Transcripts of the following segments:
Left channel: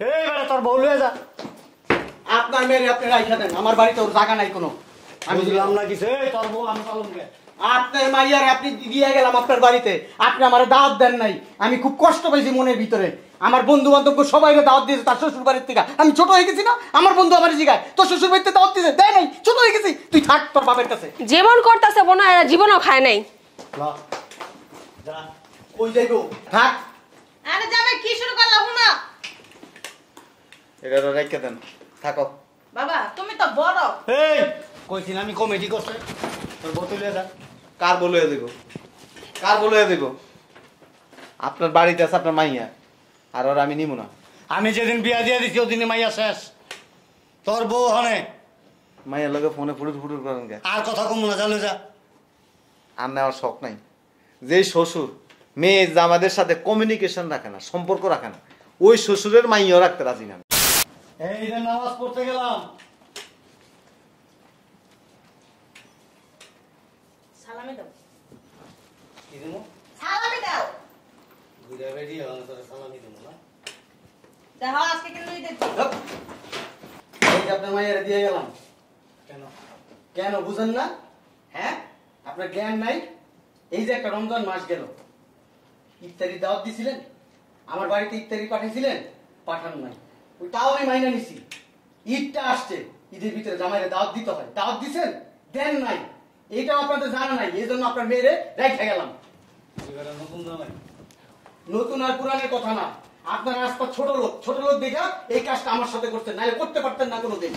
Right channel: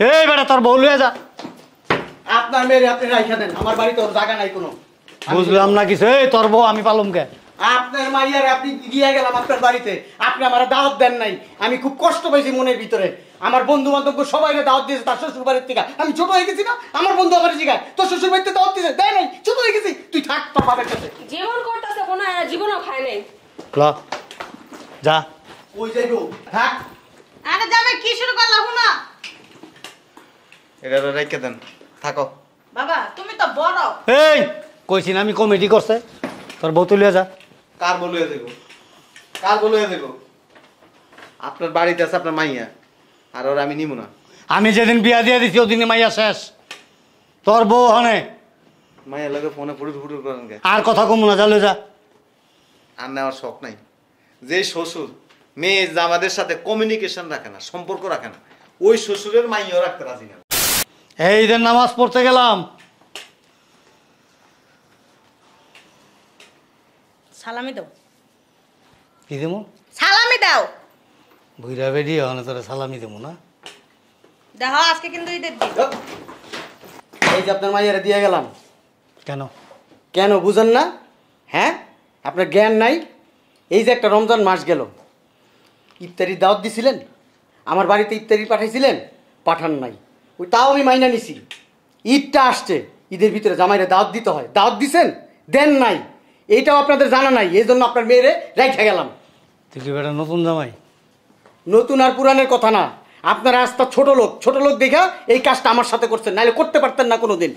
এই বেটা তোর বউ লইয়া যা। আপনার মেয়ে আপনি রাইখা দেন, আমার বাড়িতে ওর জায়গা নাই কোনো। বুঝলাম না কিছু। এই তোর বউ আমি পালুম কে? আপনার মাইয়ারে আপনি দিয়ে গেলাম আপনার বাড়িতে, আপনি আমার দাওয়াত দেন নাই। আমি খুব কষ্ট পাইছি মনের ভিতরে। আমার বন্ধু বান্ধব সবাই দাওয়াত দিয়েছে তার শ্বশুর বাড়ির থেকে। আমি ছোট হয়ে গেছি না, আমার বন্ধু আমার জিগায় তোর শ্বশুর বাড়িতে দাওয়াত দিয়েছে, দেয় নাই, ছোট হয়ে গেছি। তুই থাক তোর বাবার কাছে। জীবন করতেছে বোনা, এরা জীবনও খায় নাই। যা ওই যাইবো থাক। আরে যাবে কি শুরু করলাম না এটা রেখে দেন, থাকো। বাবা তুমি তো বড়। এই কইছি না আমি কমিটি করছে, তোর বউ তুলিয়া যা। কার বলে দেব, কার বলে দেব? আপনার বাড়িতে আছে আপনার মাইয়া, আর ওর আমি নিব না। আমি যেদিন বিয়া দিয়ে দিছি ওদিনে মাইয়া শেষ। তোর বউ হনে মাইয়ার লোকে ফোনে ফুটুর ফুটুর করেন কে? আর কথা কম না, চালু যা। আমি আমার শখ নাই। যে শ্বশুর মেয়ে জামাদের সাথে কমিউনিকেশন রাখে না, সম্পর্ক রাখে না, ওই শ্বশুরের মাইয়াও রাখতে রাজি না। এই যে নামাজ পড়তে গেলাম। সালামি দাও, কি দেবো? সালামি দাও। বুইরা বেডি হনে তোরে সালামি দেবো না? দেখো আজকে কিন্তু ঈদের দিন। এই যে আপনার মাইয়ারে দিয়ে গেলাম। কেন? কেন বুঝেন না? হ্যাঁ, আপনার জ্ঞান নাই। এই যে একটা রমজান মাস গেল, ইফতারি দাওয়াত দিছিলেন, আমার বাড়িতে ইফতারি পাঠাইছিলেন, পাঠান নাই। ওই তাও আমি মাইনা নিছি। ঈদটা আসছে, ঈদের ভিতরে জামাইরে দাওয়াত দিতে হয়, দাওয়াত দিছেন, দেন নাই। এইটাও আপনাদের জানা নাই, এই জন্য আপনার মেয়েরে রেখে গেলাম। তুই তো বেটা নতুন জামাই। নতুন আর পুরানের কথা না, আপনারা আজ ছোট লোক দেখা এই কাজটা আমার সাথে করছেন, নাহলে করতে পারতেন না কোনোদিন।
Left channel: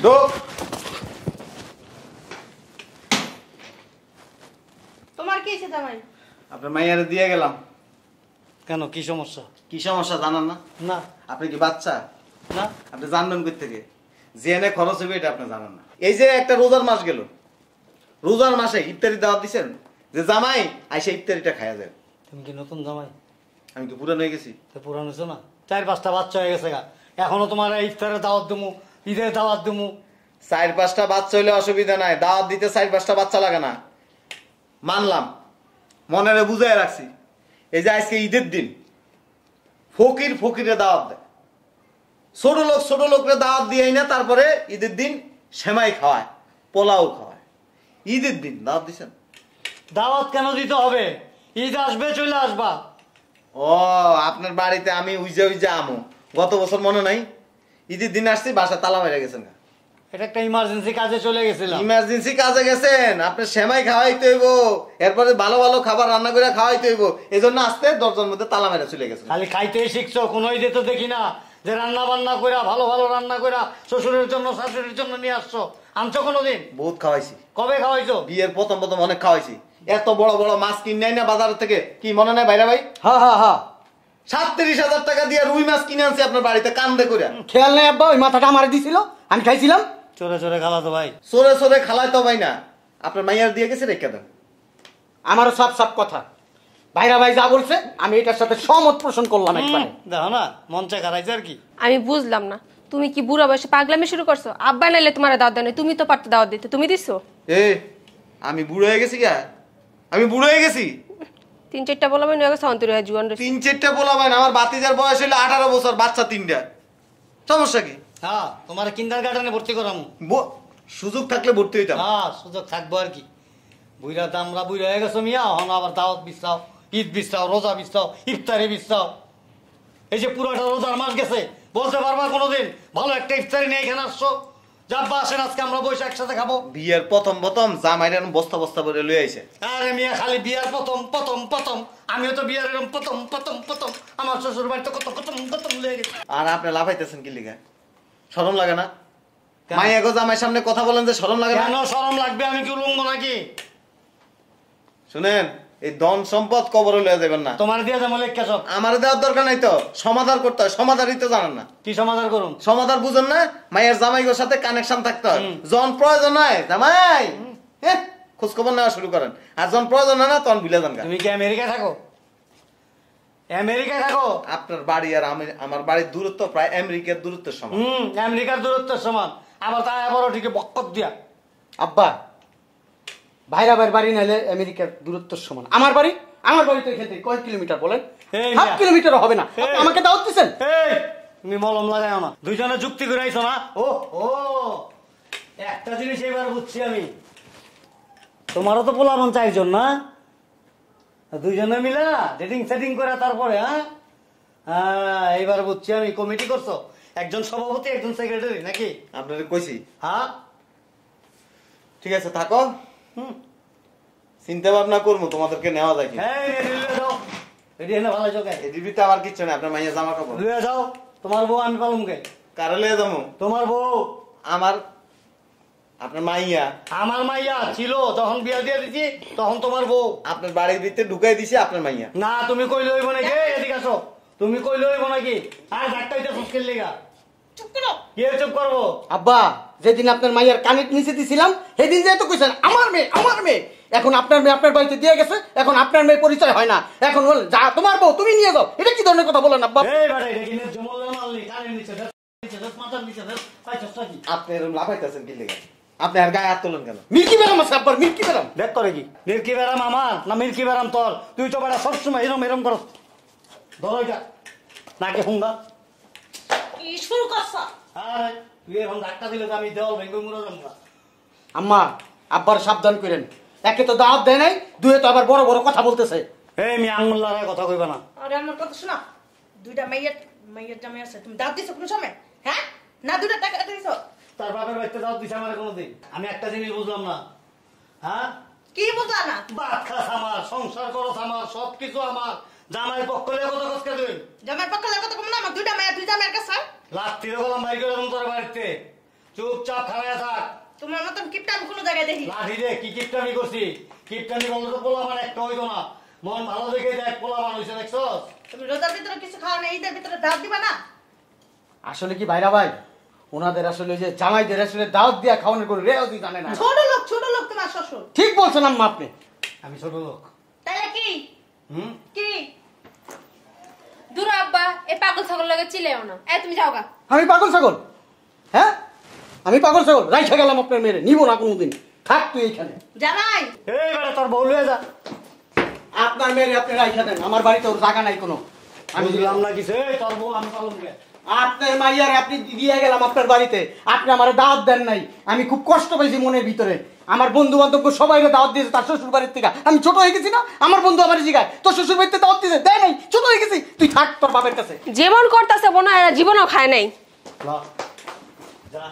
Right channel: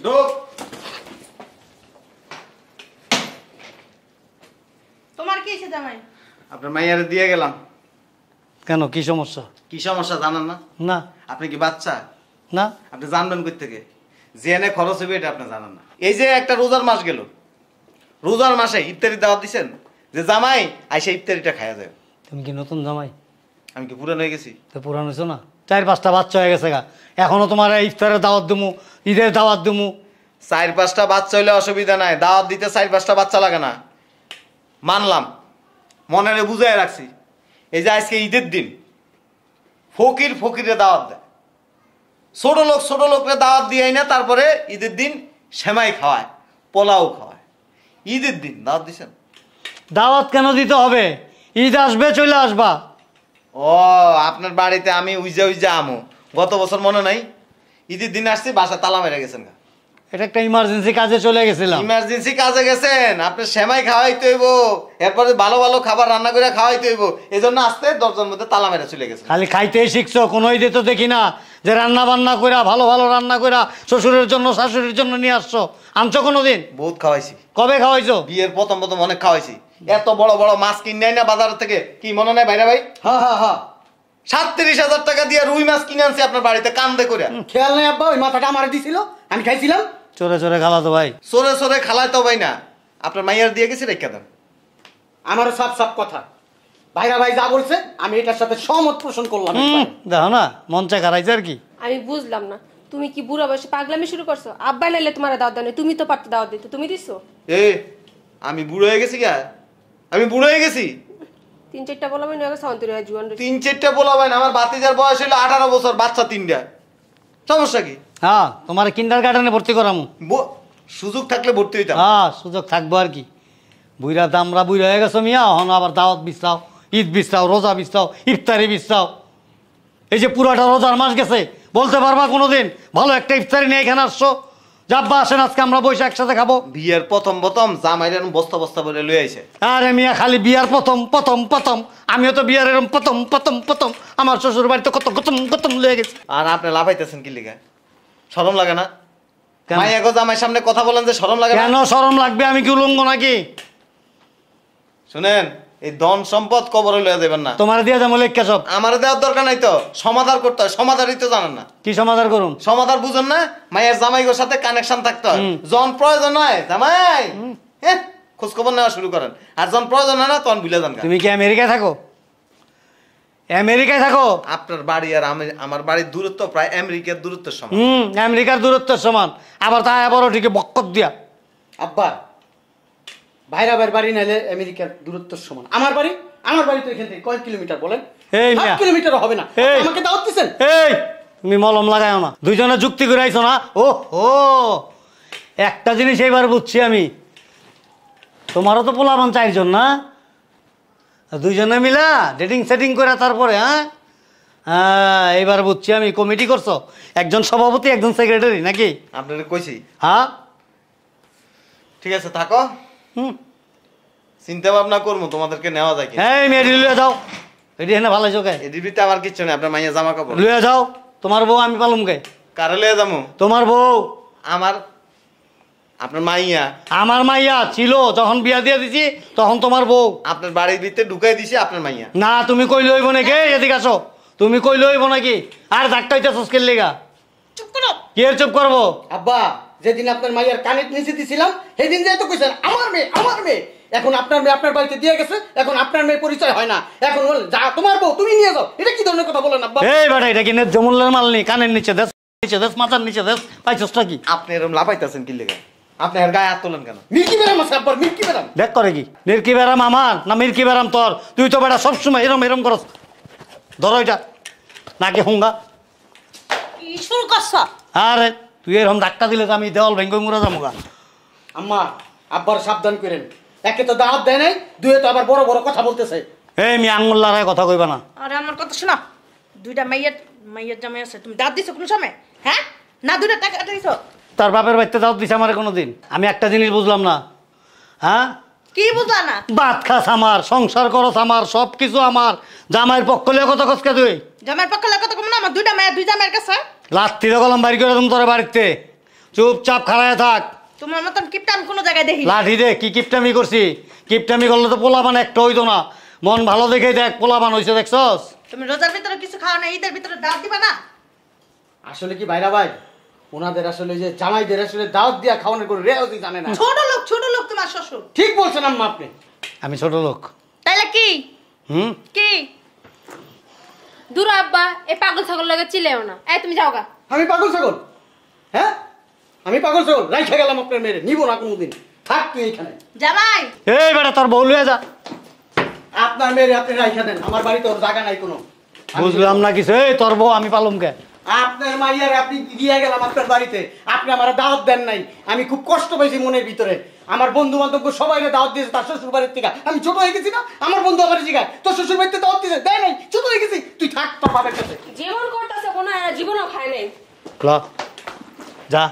তোমার কি হয়েছে জামাই? আপনার মাইয়ারে দিয়ে গেলাম। কেন, কি সমস্যা? কি সমস্যা জানান না? না আপনি কি বাচ্চা? না। আপনি জানবেন কই থেকে? জেনে খরচ হবে এটা আপনি জানেন না। এই যে একটা রোজার মাস গেল, রোজার মাসে ইফতারি দাওয়াত দিছেন যে জামাই আইসে ইফতারিটা খাওয়া যায়। তুমি কি নতুন জামাই? আমি কি পুরান হয়ে গেছি? তো পুরান হয়েছো না, 4-5টা বাচ্চা হয়ে গেছে গা। এখনো তোমার ইফতারের দাওয়াত দেবো, ঈদের দাওয়াত দেবো। 4-5টা বাচ্চা হইলে অসুবিধা নাই, দাওয়াত দিতে 4-5টা বাচ্চা লাগে না, মানলাম, মনে বুঝাই রাখছি। এই যে আজকে ঈদের দিন ফকিরে দাওয়াত দেয়, ছোট লোকরে দাওয়াত দিয়ে না, তারপরে ঈদের দিন সেমাই খাওয়ায়, পোলাও খাওয়ায়। ঈদের দিন দাওয়াত দিছেন? দাওয়াত কেন দিতে হবে? ঈদ আসবে, চলে আসবা। ও আপনার বাড়িতে আমি উইজা আমো গত বছর মনে নাই? ঈদের দিন আসছি, বাসায় তালা মেরে গেছেন। এটা একটা ইমার্জেন্সি কাজে চলে গেছিলাম। ইমার্জেন্সি কাজে গেছেন, আপনি সেমাই খাওয়াইতে হইব, এরপরে ভালো ভালো খাবার রান্না করে খাওয়াইতে হইব, এই জন্য আসতে দরজার মধ্যে তালা মেরে চলে গেছেন। খালি খাইতেই শিখছো, কোনো ঈদে তো দেখি না যে রান্না বান্না করে ভালো ভালো রান্না করে শ্বশুরের জন্য শাশুড়ির জন্য নিয়ে আসছো। আনছো কোনোদিন? বহুত খাওয়াইছি। কবে খাওয়াইছো? বিয়ের প্রথম অনেক খাওয়াইছি। এত বড় বড় মাছ কিনে না বাজার থেকে, কি মনে নাই ভাইরা ভাই? হ্যাঁ 37,000 টাকা দিয়ে রুই মাছ কিনে আনছি আপনার বাড়িতে কান্দে করে। খেয়াল নাই আব্বা, ওই মাথাটা আমার দিছিল, আমি খাইছিলাম। চোরে চোরে খালা তো ভাই, সরে খালাই তো ভাই না, আপনার মাইয়ার দিয়ে গেছে রেখে দেন। আমারও সাপ কথা, ভাইরা ভাই যা বলছে আমি এটার সাথে সহমত পোষণ করলাম। দেখো না মন চায় খারাইছে আর কি। আমি বুঝলাম না, তুমি কি বুড়া বয়সে পাগলামি শুরু করছো? আব্বা নাইলে তোমার দাওয়াত দেয় না, তুমি তো পারতে দাওয়াত দিতে, তুমি দিছো? আমি বুড়ো হয়ে গেছি গা? আমি বুড়ো হয়ে গেছি? 3-4টা বলবেন সন্তরি হয় জুয়ান। 3-4টা বলাবেন? আমার বাতিজার বয়স হইলো 18 বছর, বাচ্চা 3টা, সমস্যা কি? হ্যাঁ, তোমার কিন্ডারগার্টেনে ভর্তি করামু। সুযোগ থাকলে ভর্তি হইতাম। হ্যাঁ, সুযোগ থাকবো আর কি। বুইরা দামরা বুইরা হয়ে গেছো মিয়া, হন আবার দাওয়াত বিছরাও, ঈদ বিছরাও, রোজা বিছরাও, ইফতারি বিছরাও। এই যে পুরাটা রোজার মাস গেছে, বলতে পারবা কোনোদিন ভালো একটা ইফতারি নিয়ে এখানে আসছো? যাব্বা আসেন, আজকে আমরা বসে একসাথে খাবো। বিয়ের প্রথম জামাইরে বস্তা করে লয়ে আইছে। আরে মিয়া, খালি বিয়ার প্রথম আমিও তো বিয়ার এরকম প্রথম আমার শ্বশুর বাড়িতে কত লয়ে গেছে। আর আপনি লাফাইতেছেন কি লিগা? শরম লাগে না? মাই এগো জামাই সামনে কথা বলেন যে শরম লাগে না? কেন শরম লাগবে? আমি কি উলঙ্গ নাকি? শুনেন, এই ধন সম্পদ কবরে লয়ে যাবেন না। তোমার দিয়া যাবো লেখা সব। আমার দেওয়ার দরকার নাই তো, সমাধান করতে হয়। সমাধানই তো জানেন না। কি সমাধান করুন? সমাধান বুঝেন না? মায়ের জামাইগোর সাথে কানেকশন থাকতে হয়। যখন প্রয়োজন হয় জামাই খোঁজ খবর নেওয়া শুরু করেন, আর যখন প্রয়োজন হয় না তখন ভুলে যান। তুমি কি আমেরিকায় থাকো? আমেরিকায় থাকো? আপনার বাড়ি আর আমার বাড়ির দূরত্ব প্রায় আমেরিকার দূরত্বের সমান। আমেরিকার দূরত্বের সমান, আবার তা আবার ঠিক বক্কত দিয়া। আব্বা, ভাইরা ভাইয়ের বাড়ি নাইলে আমেরিকার দূরত্বের সমান। আমার বাড়ি তো এখান থেকে কয় কিলোমিটার বলেন? 7 কিলোমিটারও হবে না। আমাকে দাওয়াত দিছেন? এই তুমি মলম লাগাও না, দুইজনে যুক্তি করে আইছো না। ও ও, একটা জিনিস এইবার বুঝছি আমি, তোমারও তো পোলাপন চাইজন না, দুইজনে মিলা ডেটিং সেটিং করে তারপরে, হ্যাঁ হ্যাঁ এইবার বুঝছি আমি, কমিটি করছো, একজন সভাপতি একজন সেক্রেটারি নাকি? আপনাদের কইছি। হ্যাঁ ঠিক আছে থাকো, হুম, চিন্তা ভাবনা করবো তোমাদেরকে নেওয়া যায় কি। এই মেয়েটি লুয়ে যাও, এটি এনে ভালো চোখে এডিবিতে আবার কিচ্ছু নেই, আপনার মাইয়া জামা কাপড় লুয়ে যাও। তোমার বউ আমি পালুম কে? কারে লয়ে যাবো? তোমার বউ আমার, আপনার মাইয়া আমার মাইয়া ছিল, যখন বিয়া দিয়ে দিছি তখন তোমার বউ। আপনার বাড়ির ভিতরে ঢুকাই দিছে আপনার মাইয়া। না তুমি কই লইব নাকি? এদিকে আসো, তুমি কই লইব নাকি? আর ধাক্কা হইতে সুস্কের লেগা চুপ করো। কি এর চুপ করবো? আব্বা যেদিন আপনার মাইয়ার কানেক্ট নিচে দিছিলাম সেদিন যেহেতু কইছেন আমার মেয়ে আমার মেয়ে, এখন আপনার মেয়ে আপনার বাড়িতে দিয়ে গেছে, এখন আপনার মেয়ে পরিচয় হয় না, এখন বলে যা তোমার বউ তুমি নিয়ে যাও। এটা কি ধরনের কথা বলেন আব্বা? এই বেটা, এটা কি জমুল্লের মাল নেই? কানের নিচে দেশ, নিচে দেশ, মাথার নিচে দেশ, পাইছসটা কি? আপনি এরকম লাফাইতেছেন কি লেগে? আপনি আর গায়ে হাত তোলেন কেন? মিল্কি বেরাম আছে আব্বার, মিল্কি বেরাম। দেখ করে কি মির্কি বেরাম আমার না মির্কি বেরাম তোর? তুই তো বেটা সবসময় এরম এরম করস। ধরো এটা নাকি হুঙ্গা। কি শুরু করছ? আরে তুই এরকম ধাক্কা দিলে তো আমি দেওয়াল ভেঙ্গে মুড়া যাবো। আম্মা আব্বার সাবধান করেন, একে তো দাওয়াত দেয় নাই, দুয়ে তো আবার বড় বড় কথা বলতেছে। এই মি আঙুল লড়াই কথা কইবা না। আরে আমার কথা শোনো, দুইটা মাইয়ের মাইয়ের জামাই আছে, তুমি দাঁত দিছো কোন সময়? হ্যাঁ না, দুইটা টাকা দিছো। তার বাপের বাড়িতে দাও দিছে আমার কোনোদিন? আমি একটা জিনিস বুঝলাম না, হ্যাঁ কি বুঝলা না? ভাত খাস আমার, সংসার করস আমার, সব কিছু আমার, জামাইয়ের পক্ষ লিয়ে কত কসকে তুই? জামাইয়ের পক্ষে লাগে তো কম না, আমার দুইটা মায়ের দুই জামাইয়ের কাছে। লাত্তিরে কলম বাড়ি করে তুমি তোর বাড়িতে, চুপচাপ খাড়ায় থাক। তোমার মতন কিপটা আমি কোনো জায়গায় দেখি না। লাঠি দে, কি কিপটামি করছি? কিপটামি করলে তো পোলাবান একটা হইতো না, মন ভালো দেখে দেখ পোলাবান হইছে, দেখছস? তুমি রোজার ভিতরে কিছু খাও না, ঈদের ভিতরে দাওয়াত দিবা না? আসলে কি ভাইরা ভাই, ওনাদের আসলে যে জামাইদের আসলে দাওয়াত দিয়া খাওয়ানোর কোনো রেওয়াজই জানে না। ছোট লোক তোমার শ্বশুর। ঠিক বলছেন আম্মা আপনি। আমি ছোট লোক? তাইলে কি হুম, কি? দূর আব্বা, এই পাগল ছাগল লাগে চিলেও না। এই তুমি যাও গা। আমি পাগল ছাগল? হ্যাঁ আমি পাগল ছাগল? রাইখা গেলাম আপনার মেয়ে, নিব না কোনোদিন, থাক তুই এইখানে। জামাই এই বেটা তোর বউ লুয়ে যা। আপনার মেয়ের আপনি রাইখা দেন, আমার বাড়িতে ওর জায়গা নাই কোনো। বুঝলাম না কিছু। এই তোর বউ আমি পালুম কে? আপনার মাইয়ারে আপনি দিয়ে গেলাম আপনার বাড়িতে, আপনি আমার দাওয়াত দেন নাই, আমি খুব কষ্ট পাইছি মনের ভিতরে। আমার বন্ধু বান্ধব সবাই দাওয়াত দিয়েছে তার শ্বশুর বাড়ির থেকে, আমি ছোট হয়ে গেছি না, আমার বন্ধু আমার জিগায় তোর শ্বশুর বাড়িতে দাওয়াত দিয়েছে, দেয় নাই, ছোট হয়ে গেছি, তুই থাক তোর বাবার কাছে। যেমন করতেছে বোনা, এরা জীবনও খায় নাই। ল যা।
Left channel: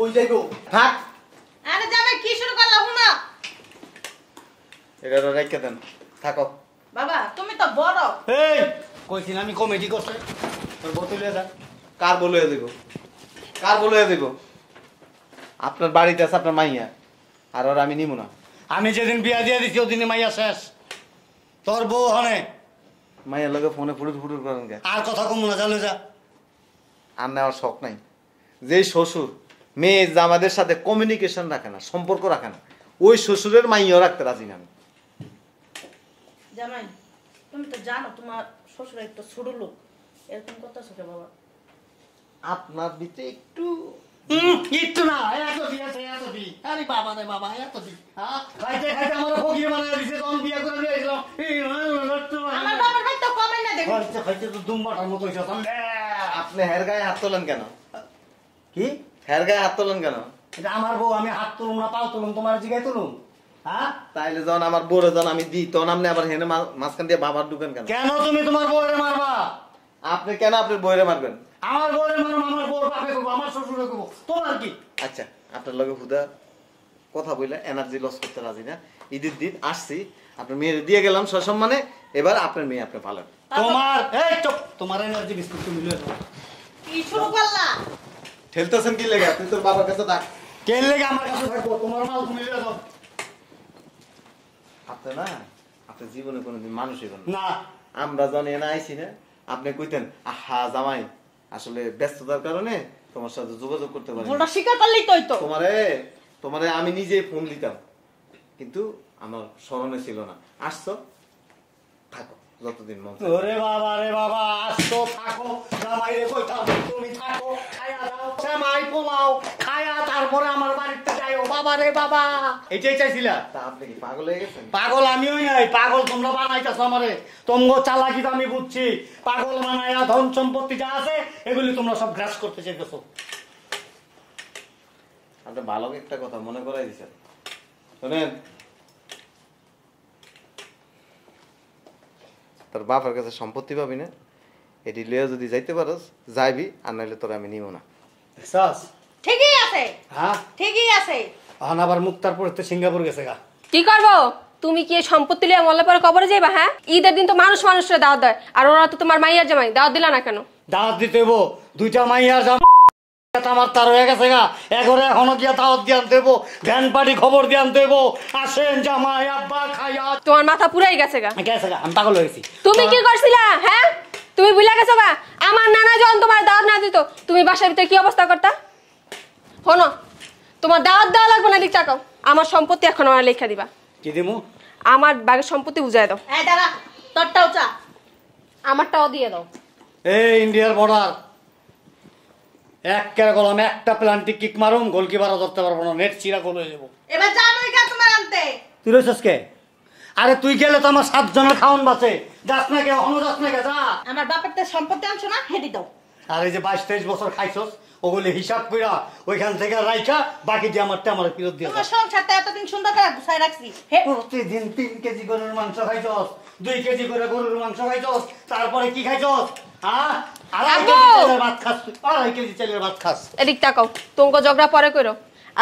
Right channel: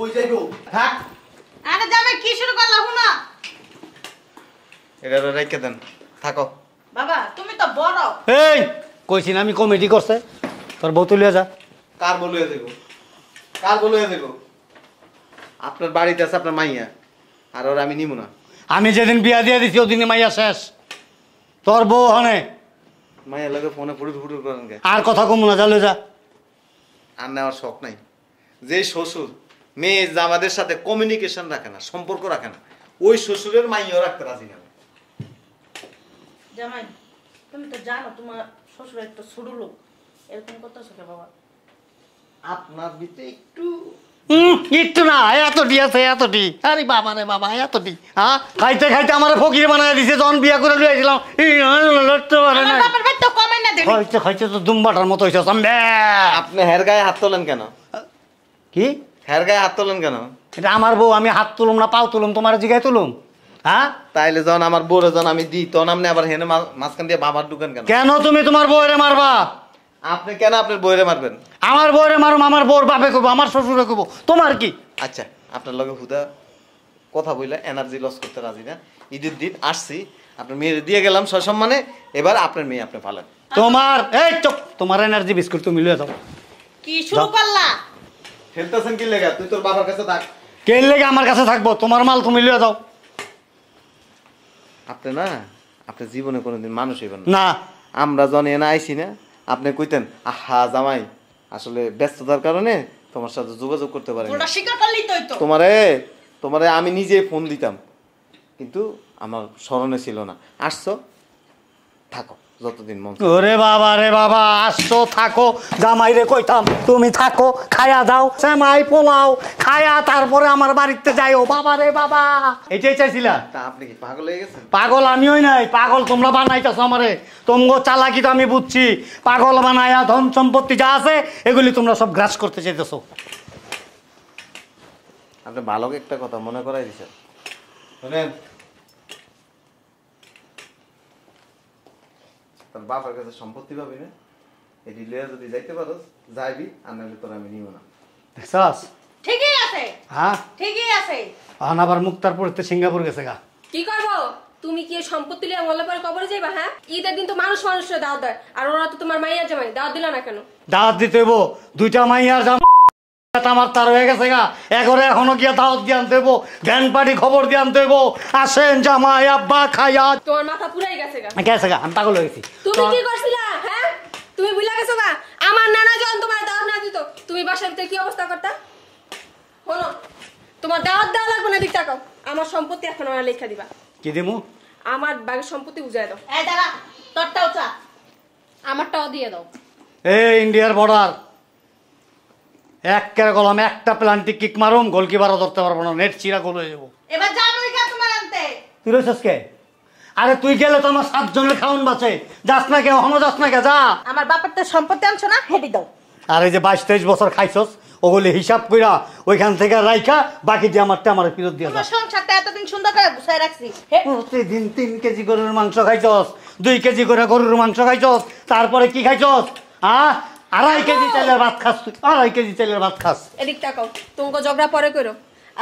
ওই যাইবো, থাক। আরে জামাই কি শুরু করলা হুনা? এটা রেখে দেন, থাকো। বাবা তুমি তো বড়। এই কইছি না আমি কমিটি করছে, তোর বউ তুলিয়া যা। কার বলে দেব? কার বলে দেব? আপনার বাড়িতে আছে আপনার মাইয়া, আর ওর আমি নিব না। আমি যেদিন বিয়া দিয়ে দিছি ওদিনই মাইয়া শেষ। তোর বউ হনে মাইয়ার লোকে ফোনে ফুটুর ফুটুর করেন কে? আর কথা কম না, চালু যা। আপনি আমার শখ নাই, যে শ্বশুর মেয়ে জামাদের সাথে কমিউনিকেশন রাখে না, সম্পর্ক রাখে না, ওই শ্বশুরের মাইয়াও রাখতে রাজি না আমি। জামাই তুমি তো জানো তোমার শ্বশুর একটু ছোট লোক, এরকম করতেছো কে বাবা? আপনার ভিতরে একটু একটু না, এতটি আছে, এতটি। আরে বাবা রে বাবা, এতটি। হ্যাঁ খাইতে খাইতে আমার ফকির বানায় দিছে, যখন বিয়া করে লইছিলাম লড়তে পারে না। আমার বাপের বাড়ি তো কমাই না দেখি। খাইতে খাইতে তো দুম্বাটার মতো হইছে। আপনি হের গায়ে হাত তোলেন কেন? কি হের গায়ে হাত তোলেন কেন? এটা আমার বউ, আমি হাত তুলুম না পাও তুলুম, তোমার জিগায় তুলুম? হ্যাঁ তাইলে যখন আমার বউরে যখন আমি দিই তখন আপনি আবার হেনে মাঝখান দিয়ে বাবার ঢুকেন কেন? কেন তুমি তোমার বউরে মারবা? আপনি কেন আপনার বউরে মারবেন? আমার বউরে মারুম, আমার বউর বাপে কইবো, আমার শ্বশুরে কইবো, তোমার কি? আচ্ছা আপনার লগে হুদা কথা বইলা এনার্জি লস করতে রাজি না। ঈদের দিন আসছি, আপনার মেয়ের দিয়ে গেলাম সসম্মানে, এবার আপনার মেয়ে আপনি পালেন। তোমার এই চুপ, তোমার এনার্জি বিস্কুট তুমি লয়ে যাও। কি শুরু করলা? ঠেলতেছেন কি লাগে? আপনি তোর বাবার কাছে থাক। কে লেগে আমার কাছে থাকবো? তোমার মাল তুমি লয়ে যাও। আপনি না, আপনি জীবনে কোনোদিন মানুষ হইবেন না। না আমরা যখন এনে আইছি না, আপনি কইতেন আহা জামাই আসলে ব্যস্ততার কারণে তোমার সাথে যোগাযোগ করতে পারি ওটা স্বীকার করলেই তো হইতো। তোমারে আমি নিজে ফোন দিতাম, কিন্তু আমার স্মরণে ছিল না। আসছো, থাকো। যতদিন মন ওরে বাবা রে বাবা, আসছো থাকো, জামাই রে কইতাম তুমি থাকো, খায়া দাও সেমাই পোলাও খায়া তারপরে আমার বাড়িতে যাইও। বাবা রে বাবা, এটাই চাইছিলা? তা আপনি কি পাগল হয়ে গেছেন? পাগল আমিও নাই, পাগল তোমরা বানাইতেছো আমারে। তোমগো চালাকি তো আমি বুঝছি, পাগল বানায়া ধন সম্পত্তি যা আছে এগুলি তোমরা সব গ্রাস করতে চাইতেছো। আপনি ভালো একটা কথা মনে করাই দিছেন। শুনেন, তোর বাবার কাছে সম্পত্তি পাবি না, এটি লইয়া যদি যাইতে পারস যাইবি, আর নাহলে তোর আমি নিব না। দেখছাস? ঠিকই আছে, হ্যাঁ, ঠিকই আছে। আন আবার মুক্তার পড়তে সিঙ্গাপুর গেছে গা। কি করবো? তুমি কি এই সম্পত্তি লিয়ে মরলে পরে কবরে যাইবা? হ্যাঁ, ঈদের দিন তো মানুষ মানুষের দাওয়াত দেয়, আর ওরা তো তোমার মাইয়ার জামাই, দাওয়াত দিলা না কেন? দাওয়াত দিতে হইব, দুইটা মাইয়ার জামাই আমার তার হয়ে গেছে গা, এগরে এখনো গিয়া দাওয়াত দিয়ে আনতে হইব, জ্ঞান পাড়ি খবর দিয়ে আনতে হইব। আসেন জামাই আব্বা খায়া। তোমার মাথা পুরাই গেছে গা। গেছে গা, আমি পাগল হয়ে গেছি। তুমি কি করছিলা? হ্যাঁ, তুমি ভুলে গেছো গা? আমার নানা যখন তোমার দাওয়াত না দিত, তুমি বাসার ভিতরে কি অবস্থা করতা? শোনো, তোমার দাওয়াত দেওয়া লাগবে না, দিক টাকাও। আমার সম্পত্তি এখন আমার লেখা দিবা। কি দিমু? আমার বাড়ির সম্পত্তি বুঝাই দাও। এই দাঁড়া, তোরটাও চা। আমারটাও দিয়ে দাও। এই ইন্ডিয়ার বর্ডার এক কেরে গলাম, একটা প্লান্টিক কিক মারুম, গোলকিপারও ধরতে পারবো না, নেট চিরা গোল হয়ে যাবো। এবার যা আমেরিকা তোমার আনতে। তুই রয়েছিস কে? আরে তুই গেলে তো আমার 7 জনের খাওয়ান বাঁচে। যাস না কে? এখনো যাস না কে? যা। আমার বাপের তো সম্পত্তি আনছো না, হেডি দাও। আর এই যে 22-23 বছর খাইছস, ওগুলি হিসাব কইরা ওইখান থেকে রাইখা বাকি যে আমারটা আমার ফেরত দিয়ে যা। তোমার সংসারটা এতদিন সুন্দর করে গুছাই রাখছি। হে, প্রতিদিন 3 কেজি গরুর মাংস খাইছস, 2 কেজি করে গরুর মাংস খাইছস, তারপরে কি খাইছস? হ্যাঁ, 2.5 কেজি চালের ভাত খাস তুই, 2.5 কেজি চালের ভাত খাস। এদিক টাকাও, তোমাকে ঝগড়া পরে করো,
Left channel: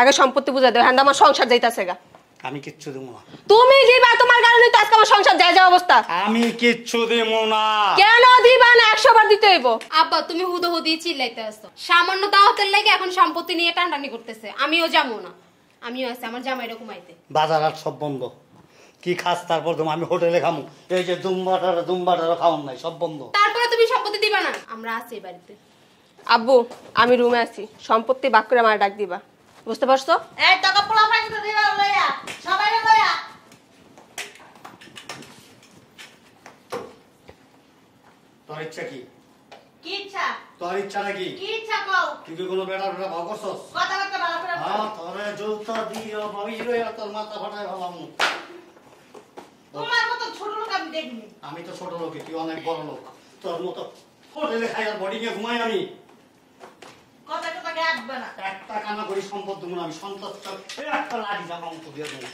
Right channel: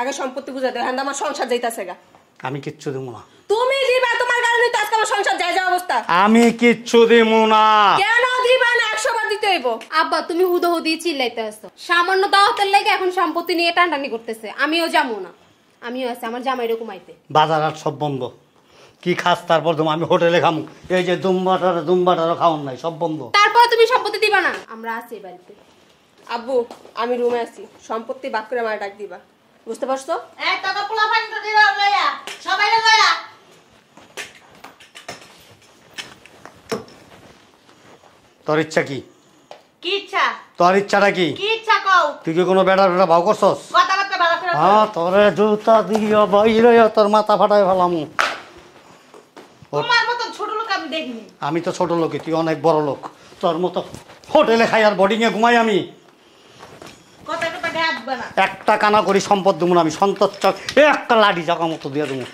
আগে সম্পত্তি বুঝাই দাও। হ্যাঁ, আমার সংসার যাইতাছে গা। আমি কিচ্ছু দিব না। তুমি দিবা, তোমার কারণে তো আজকে আমার সংসার যায় যা অবস্থা। আমি কিচ্ছু দিব না। কেন দিবা না? 100 বার দিতে হইব। আব্বা তুমি হুদহুদি চিল্লাইতে আসছো, সামান্য দাওয়াতের লাগে এখন সম্পত্তি নিয়ে টানটানি করতেছে। আমিও যাবো না, আমিও আছি, আমার জামাই এরকম আইতে। বাজার হাট সব বন্ধ, কি খাস তারপর তুমি? আমি হোটেলে খাম, এই যে দুম্বাটারও খাওয়াম নাই, সব বন্ধ। তারপরে তুমি সম্পত্তি দিবা না? আমরা আছি এই বাড়িতে। আব্বু, আমি রুমে আছি, সম্পত্তি বাক করে আমার ডাক দিবা, বুঝতে পারছো? এই টাকা পোলা ফাইন তো দিবা লইয়া, সবাই লইয়া। তোর ইচ্ছা কি? কি ইচ্ছা? তোর ইচ্ছাটা কি? কি ইচ্ছা কও? তুই কি কোনো বেটা ভাও করছস? কথাবার্তা ভালো করে হ্যাঁ, তোরে জুতা দিয়ে বাইরে তোর মাথা ফাটাই ফেলাম। তোমার মতন ছোট লোক আমি দেখিনি। আমি তো ছোট লোক, তুই অনেক বড় লোক। তোর মতো হোটেলে খাই আর বোর্ডিং এ ঘুমাই আমি। কথা কথা গায়ে আসবে না। একটা কানা করি সম্পদ দেবো না আমি, সন্তোষ একটা লাঠি জায়গা মতো দিয়ে দেবো।